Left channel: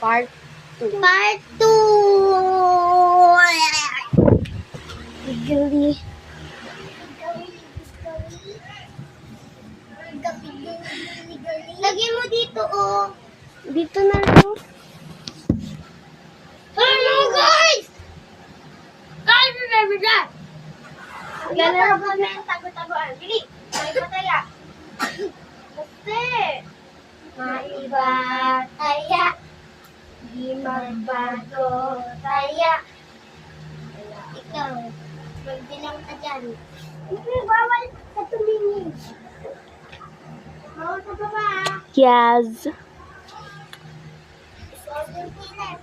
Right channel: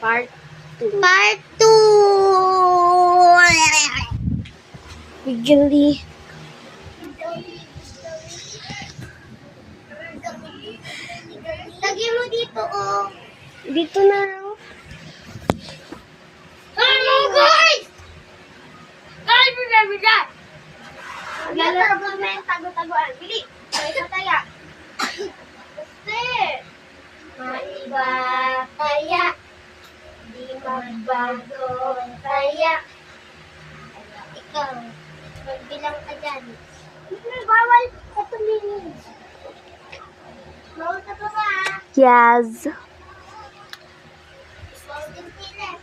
Part 2. Part 2! Giggly. Lagyan mo dito, oh. Dito na lang. Hello, guys! Guys, remember that! Lalaro mo na yung tago-tagoan. Bili! May pataya. Kasi, Maiba taya, di magbago taya. ikaw. Magbilang ka dyan. Bawal ka tumingin. Bawal ka pa ba? Yes. Golden Philip.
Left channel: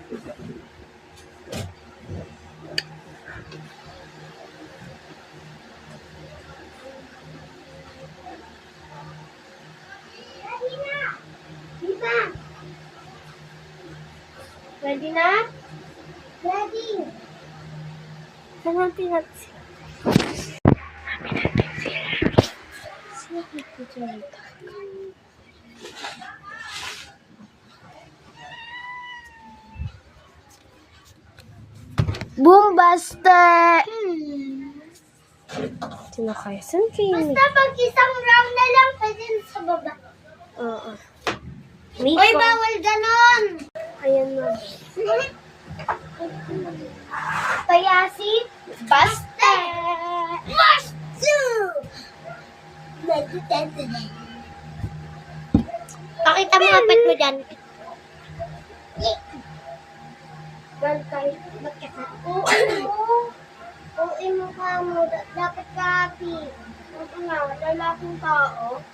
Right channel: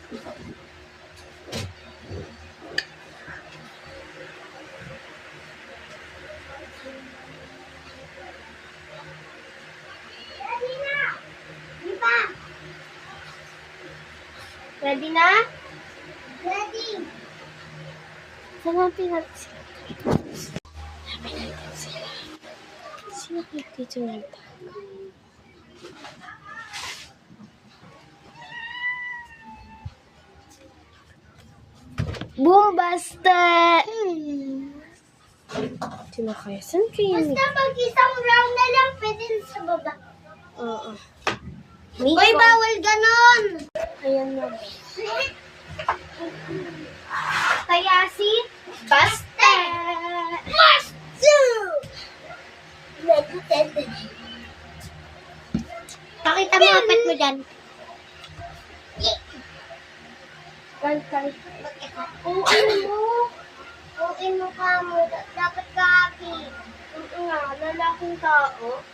Ready na! Di ba? Ready na? Ready! Saan natin natin sila? Sino dito na ito? Boombaste! Sino kayo? Saan kayo? Basta pag isang round na lang, pwede na sa baba. Oo. Uy, Miko. bawal ganon! Ayan na. Tayasi, baste! Bastu! Pakita mo apat mo dyan. Galkay. Uin mo ka mo. Dapat ka happy. Oo nga, lalaking tao.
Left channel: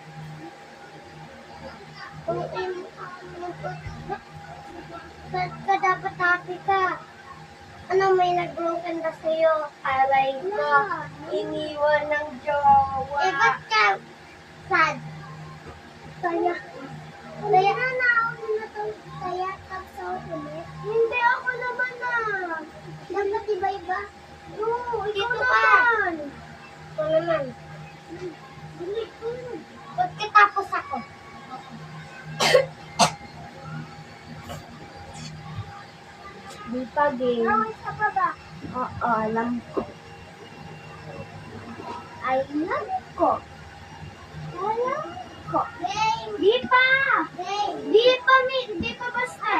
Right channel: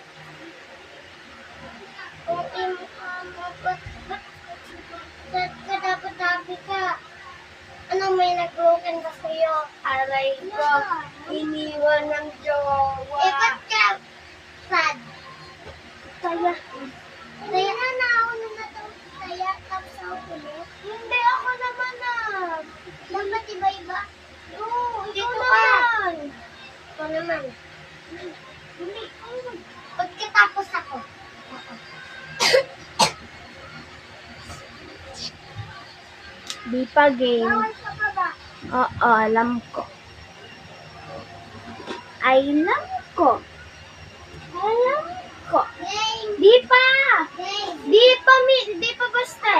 Uin mo ka mo. Ba't ka dapat happy ka? Ano, may nag-broken ka sa'yo? Aray ko, iniwan ng jowa. Eh, ba't ka sad? Kaya, Kaya na nauna na to. Kaya tapos ako ulit. hindi ako naman ah. Dapat iba-iba. Oo, ikaw Dito ka. naman. Ikaw naman. Dili. Pagkatapos ako. Di pa game. Bawal ka pa ba? Oo, alam ko. I love ko. Alam ko. Game! Di pa! Game! Di pa, di pa basta.